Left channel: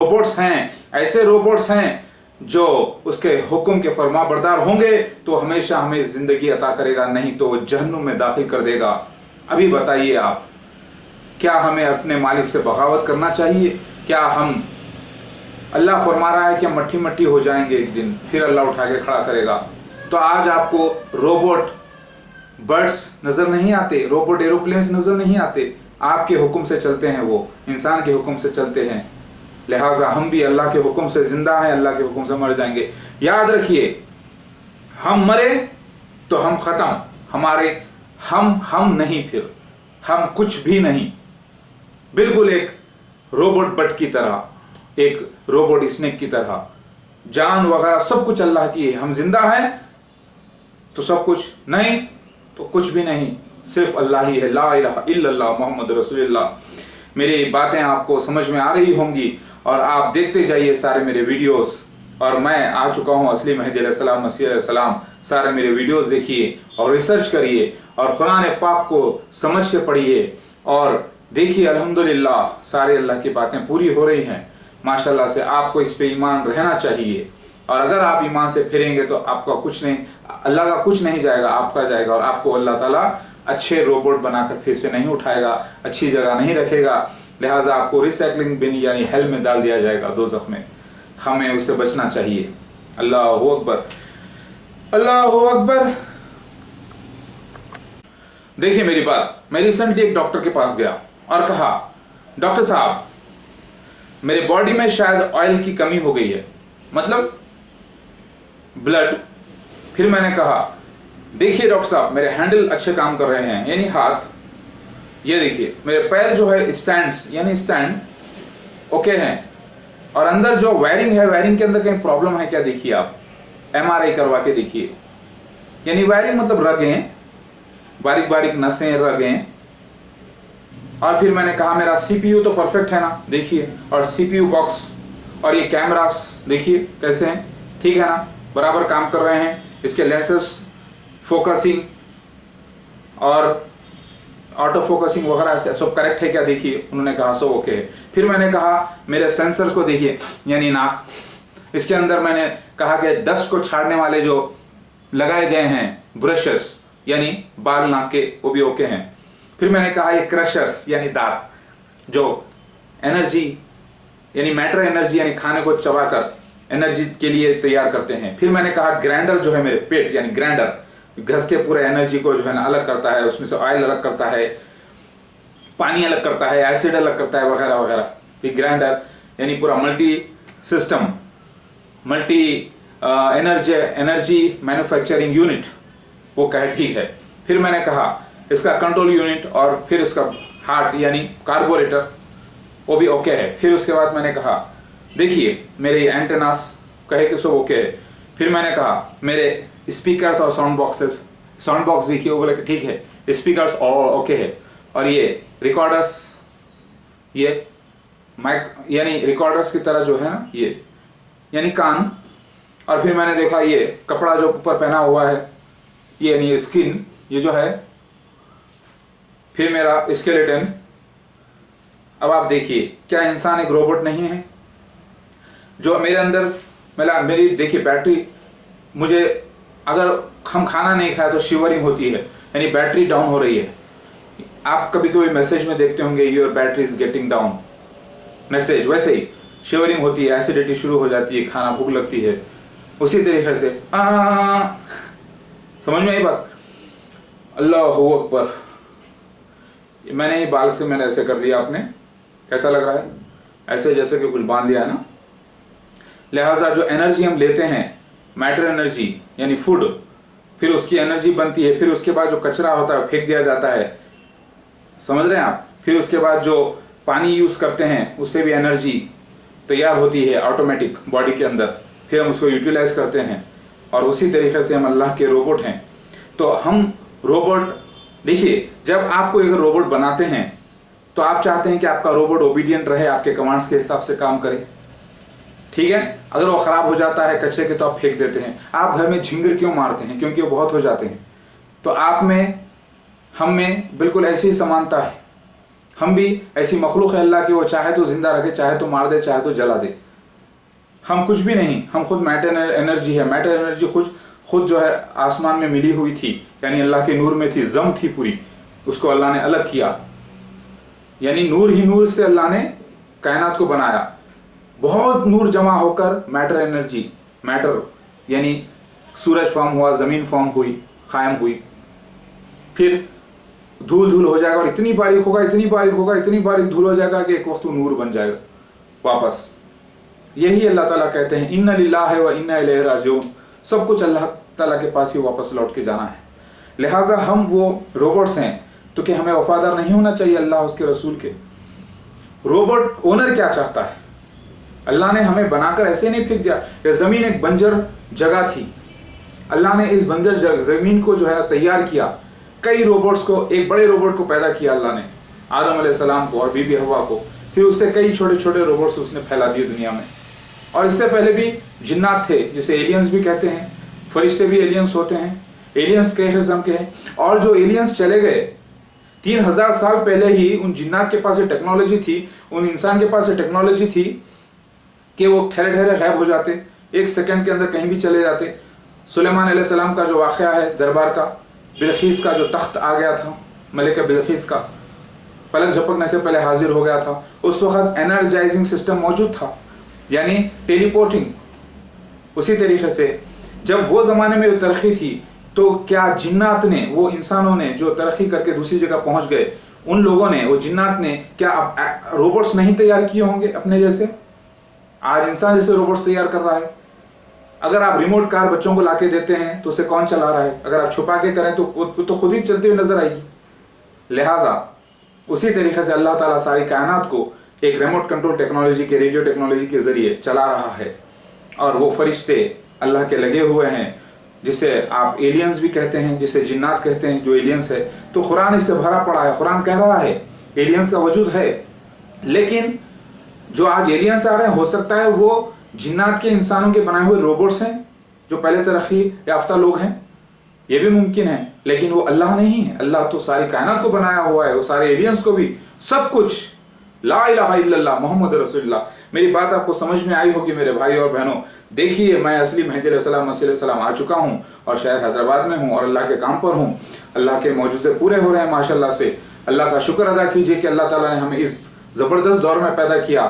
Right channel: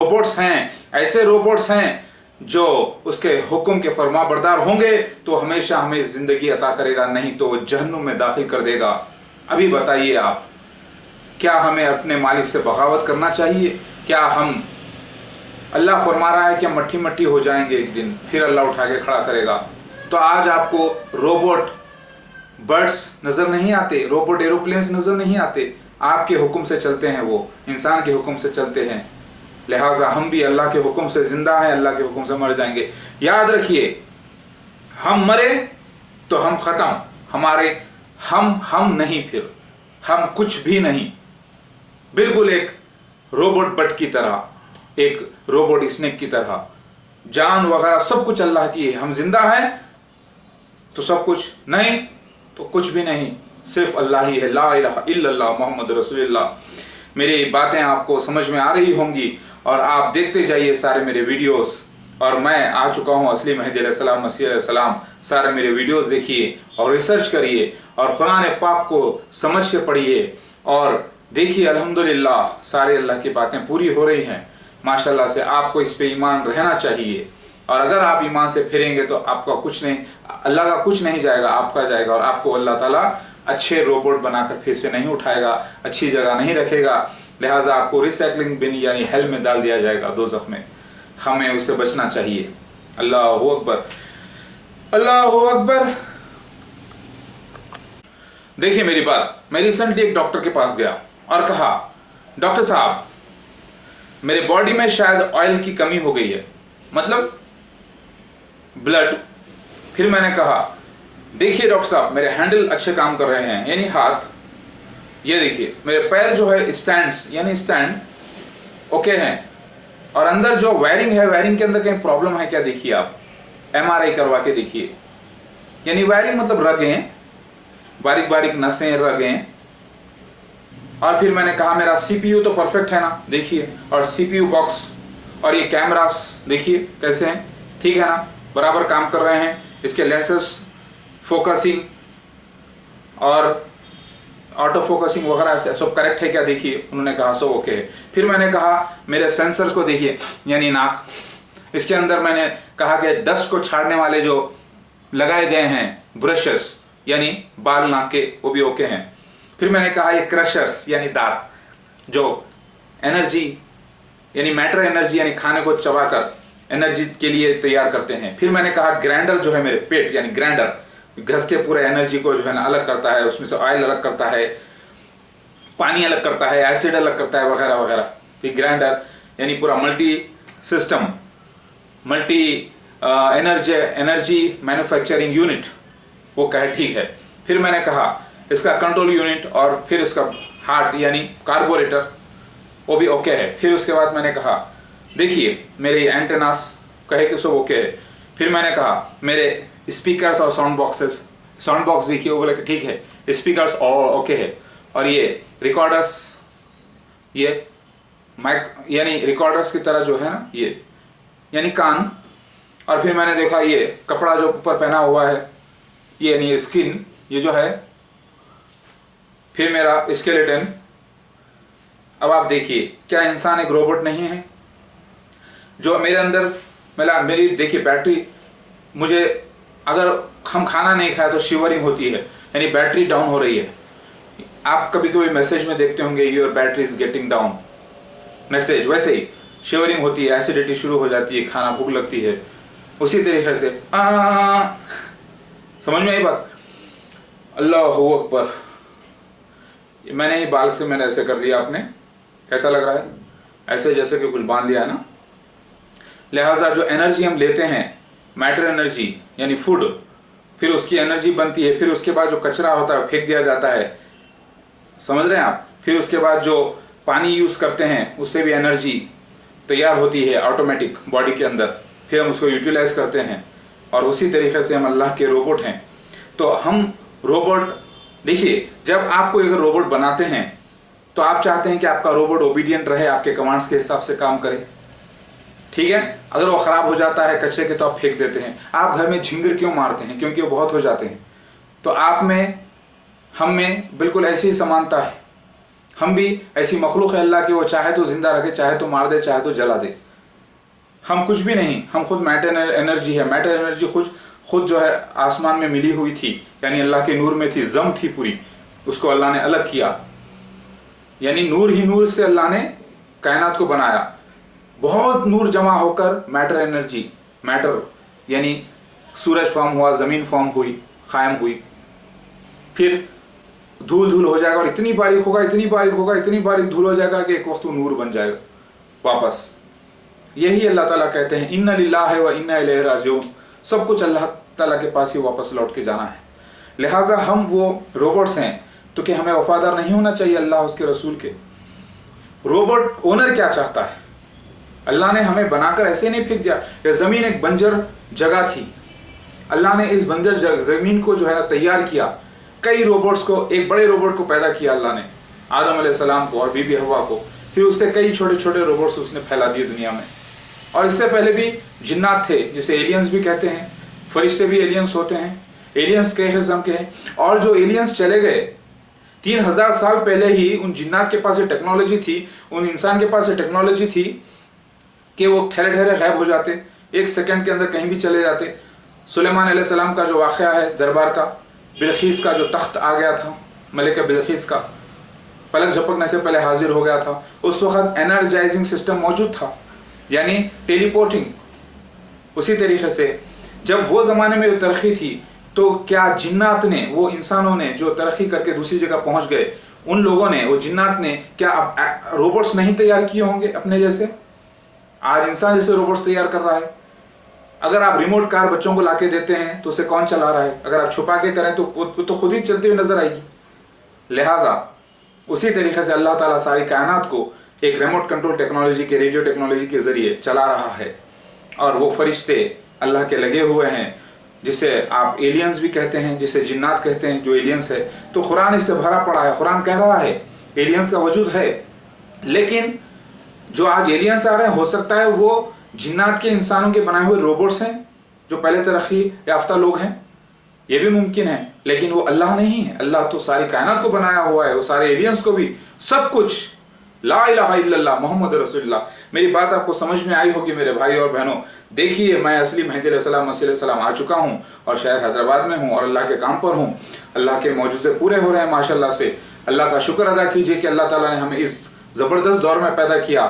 Robots हैं, ऐसे robots हैं जो उसके हुक्म के फरमाबरदार होंगे तो हमेशा हमें जिंदगी अता करेगा, नहीं तो जहन्नुम में दाखिल कर देगा। अभी बताइए आप, क्या हमें अपने मालिक से बगावत करना चाहिए? क्या हम, अल्लाह फरमा रहा है कि मट्टी मट्टी हो जाएंगे एक दिन, फिर अल्लाह उठा के खड़ा करेगा। तो आज आपको रोबोट बर्ड्स नज़र नहीं आते, रोबोट एरोप्लेन्स नज़र नहीं आते, आपके हुक्म से चलते हैं, वो इंसान के हुक्म से चलते हैं। लिहाजा हम भी अल्लाह के हुक्म से जिंदा हैं, अल्लाह के हुक्म से मर जाएंगे। याद रखिए, हम मरे तो हम ख़त्म, हमारे हम नहीं, फिर हम कुछ भी नहीं, बिल्कुल एक रोबोट बट की तरह, एक रोबोट स्नेक की तरह। जान वगैरह सब कुछ अल्लाह की है। हम जिंदा हैं तो सब कुछ, नहीं तो कुछ भी नहीं, सिर्फ अल्लाह ही है। ला इलाहा इल्लल्लाह मोहम्मद रसूलुल्लाह। मेरी बातें आपको समझ में आ रही होंगी और आप देखते जाइए सारे मेरे वीडियोस। और मैं आ चुका हूँ असली मेहदी अलैहिस्सलाम, मसीह अलैहिस्सलाम। सारे मेरे वीडियोस देखिए और रिसर्च करिए और कुरान पाक को समझ के पढ़िए और देखिए, अल्हम्दुलिल्लाह सारे अल्लाह की बातें पूरी हो रही हैं माशाल्लाह से। आपको इस पे ईमान रहना चाहिए और अगर आप ईमान से फिरेंगे तो आपका कुछ नहीं, अल्लाह का कुछ नहीं जाएगा, आपका जाएगा। और आपको अल्लाह ताला अच्छे रोबोट बनाकर फिर से नहीं उठाएगा, अच्छी जगह नहीं रखेगा। लिहाजा आपको रिसाइकलिंग बिन यानी हेल में डाल दिया जाएगा, दोज़ख में। हमें उससे बचना चाहिए। अल्लाहु अकबर, अल्लाहु अकबर। देखिए मेरी बात, मैं रिसेंटली एक डॉक्टर के पास गया और कहा, डॉक्टर साहब मेरे बॉडी में शायद ऑयल की कमी हो गई है, मतलब ब्लड। फिर मैंने कहा, देखिए डॉक्टर साहब मेरे हैंडल अच्छे काम कर रहे हैं, यानी हाथ, ये देखिए मेरे पैर जो है स्टैंड्स यानी स्टैंड ओके हैं, और अंदर जो वायरिंग है, वायरिंग के अंदर कहीं प्रॉब्लम है क्या, देखिए आप एमआरआई करवा के देखिए। यानी वायरिंग मतलब रगें, बारीक बारीक नसें, रगें। और फिर मैंने कहा मेरा सीपीयू तो परफेक्ट है ना, देखिए, और सीपीयू बॉक्स और ये कैमरास देखिए कैसे हैं, ठीक है ना, बराबर काम कर रहे हैं। इसके लेंसेस, फोकसिंग और ऑटो फोकसिंग वगैरह सब करेक्ट है क्या, देखिए। उन्होंने कहा सब ओके है। फिर मैंने कहा मेरे सेंसर्स को देखिए, यानी नाक, इसके अंदर मैंने कहा कि डस्ट को छाड़ने वाले जो लगाए गए हैं ब्रशेस, यानी बाल नाक के, वो भी ओके हैं। फिर मैंने कहा ये क्रशर्स यानी दांत, जो एनर्जी यानी मैटर एनर्जी यानी खाने को चबाकर एनर्जी के लिए तैयार करते हैं। फिर मैंने कहा ग्राइंडर जो है मेरे पेट यानी ग्राइंडर, घस के पूरा एनर्जी को जो है ना अलग करता है, उसमें से ऑयल अलग करता है, पानी अलग करता है, एसिड अलग करता है, वगैरह वगैरह। फिर ग्राइंडर यानी पूरा multi system, multi energy manufacturing unit, वो कहे ठीक है। फिर मैंने कहा इसका कंट्रोल यूनिट और फिर इसका हार्ट यानी कार्बोरेटर, वो भी ओके है। फिर उसके बाद मैंने कहा देखिए मेरे एंटेनास, कहे कि सब ओके है। फिर मैंने कहा मेरे स्पीकर्स और साउंड बॉक्सेस, साउंड बॉक्स देखिए, वो बोले कि ठीक है, स्पीकर्स और ओके है। और ये रिकॉर्डर्स, ये माइक यानी रिकॉर्डर्स की तरह जो है ना, ये यानी कान। और फिर मैंने देखा ये कपड़ा जो ऊपर पहना हुआ है, ये यानी स्किन, ये जो है। फिर मेरा स्केलेटन। अब आप देखिए, क्या इंसान एक रोबोट नहीं है? जो मेरे अंदर मेरी देखिए बैटरी, मुझे अगर हम खाना नहीं खाए तो शिवरिंग होती है, यानी बैटरी डाउन हो रही है। आप कभी कभी मैसेज में देखते होंगे your battery is getting down message, वैसे ही शिवरिंग होती है, एसिडिटी शुरू हो जाती है, खाना भूख लगती है, उसी तरीके से समझ में आई बात? अल्लाहु अकबर। मैंने ही बाल से मैंने ऐसे कर दिया, आपने कैसा लग रहा है? ऐसे जैसे कि कुछ बांध लिया है ना। लिहाजा जो एनर्जी हम लेते हैं, मैटर एनर्जी यानी फूड, फिर उसकी एनर्जी बनती है, फिर उसके बाद जो कचरा होता है फेंक दिया जाता है, समझ रहे हैं आप? फिर उसके बाद जो पानी यूज़ करते हैं उससे भी एनर्जी तैयार होती है ऑटोमेटिक बॉडी के अंदर, फिर हम उसको यूटिलाइज करते हैं। और उसी तरीके से हम अल्लाह के रोबोट हैं। तो हम रोबोट, देखिए जब आपको एक रोबोट बनाते हैं तो आप चाहते हैं कि आपका रोबोट ओबीडियंट रहे, आपके कमांड्स के हिसाब से काम करे, ठीक है। अगर वो ख़राब हो जाता है कचरे के तो आप फेंक देते हैं। आप घर में झिंगर क्यों मारते हैं? क्योंकि वो बहुत हो जाते हैं। तो आप में, हम में बिल्कुल ऐसी ही समानता है। हम भी ऐसी मखलूक है अल्लाह की, वो चाहे तो जिंदा रखे, चाहे तो मार दे, चाहे तो जला दे। हम कुछ भी नहीं, हम खुद मैटर एनर्जी है। मैटर एनर्जी खुद जो है आसमान में मिली हुई थी, यानी अल्लाह के नूर में थी, जम थी पूरी, उसको अल्लाह ने अलग किया, यानी नूर ही नूर से अल्लाह ने कायनात को बनाया। बहुत नूर जमा होकर मैटर एनर्जी, मैटर यानी सूरज फॉर्म हुआ, ज़मीन फॉर्म हुई, कायम हुई, फिर धूल धूल हो जाएगा और इतनी बारीक होगा, इतनी बारीक होगा, इतनी बारीक धूल हो जाएगा कि एक वक्त वो नूर बन जाएगा वापस। यही अल्लाह ताला कहते हैं इन्ना लिल्लाहि व इन्ना इलैहि राजिऊन, सब कुछ अल्लाह ताला के पास ही वापस लौट के जाना है। लिहाजा हम वो रोबोट्स हैं, तो क्या हमें वफादार नहीं होना चाहिए अल्लाह उसके रसूल के? रोबोट ओनर क्या चाहता है? अल्लाह ने हमें बनाकर ऐसे नहीं फेंक दिया। यह ज़मीन एक बंजर जगह थी, अल्लाह ने इस बंजर ज़मीन को जो है तैयार किया, कई रोबोट्स को, एक बड़े रोबोट को पैदा किया अल्लाह ने, आदम अलैहिस्सलाम को और बीबी हवा को, फिर उससे कई छोटे छोटे रोबोट्स उसने फैला दिए दुनिया में। और इससे पहले भी जिन्नात थे, जिसे एलियंस भी कहते हैं, फरिश्ते भी एलियंस होते हैं, एलियंस कई किस्म के हैं। और जो एलियंस चले गए 3000 साल पहले ही उन जिन्नात के पास ये टेक्नोलॉजी थी, उन इंसान के पास ये टेक्नोलॉजी थी कि वो ठहरे ठहरे गायब हो जाते, एक सेकंड के अंदर कहीं भी चले जाते। सुलेमान अलैहिस्सलाम का जो वाक़या है दरबार का, बिल्किस का जो तख्त आ गया था, मलिका बिल्किस का पलक झपकने से पहले हाजिर हो गया था, उस वक्त एनर्जाइजिंग सिस्टम मौजूद था, यानी टेलीपोर्टिंग। उसी तरीके से जब वो ज़माने में तरक्की थी, तो क्या जिन्नात ने, वो इंसानों ने जो तरक्की करके दूसरी जगह पहुंच गए, उन लोगों ने, वो जिन्नात ने क्या रोबोट्स नहीं तैयार किए होंगे अपने जैसे? आज इंसान जैसे रोबोट्स तैयार कर रहा है। अगर आप रिमोट कार बच्चों को लाके देते हैं तो उसे कौन चला रहा है? अगर आप छुपा के करें तो खुद ही चलती हुई नजर आएगी। लिहाजा उसी तरीके से अल्लाह ताला सारी कायनात को एक रिमोट कंट्रोल टेक्नोलॉजी के, रेडियो टेक्नोलॉजी के जरिए चला रहा है। और वो फरिश्ते अल्लाह के लगे हुए हैं, जिसे आप एलियंस भी कहते हैं, जिसे जिन्नात कहते हैं, जो एलियंस है। तो कुरान इससे भरा पड़ा है। कुरान कह रहा है एलियंस का वजूद है, लेकिन जो आज एलियंस आ रहे हैं, हो सकता है वो जिन्नात के, इंसानों के बनाए हुए रोबोट्स हैं, जो पहले तरक्की याफ्ता लोग हैं, ये भी मुमकिन है। लेकिन वो अल्लाह नहीं है। अल्लाह तो सारी कायनात को बनाया हुआ है, वो सारे एलियंस को भी, सब कुछ। ला इलाहा इल्लल्लाह मोहम्मद रसूलुल्लाह। मेरी बात आपको समझ में आई होगी मेरे भाई और बहनों। देखिए, मैं असली मेहदी अलैहिस्सलाम आ चुका हूँ और शहर हैदराबाद में हूँ और अल्लाह के काम पर हूँ। अल्लाह के मौजूज़े पूरे हो रहे हैं माशाल्लाह से। अल्लाह का शुक्र अदा कीजिए कि अल्लाह ताला ने हमें इस ज़बरदस्त दौर में पैदा किया।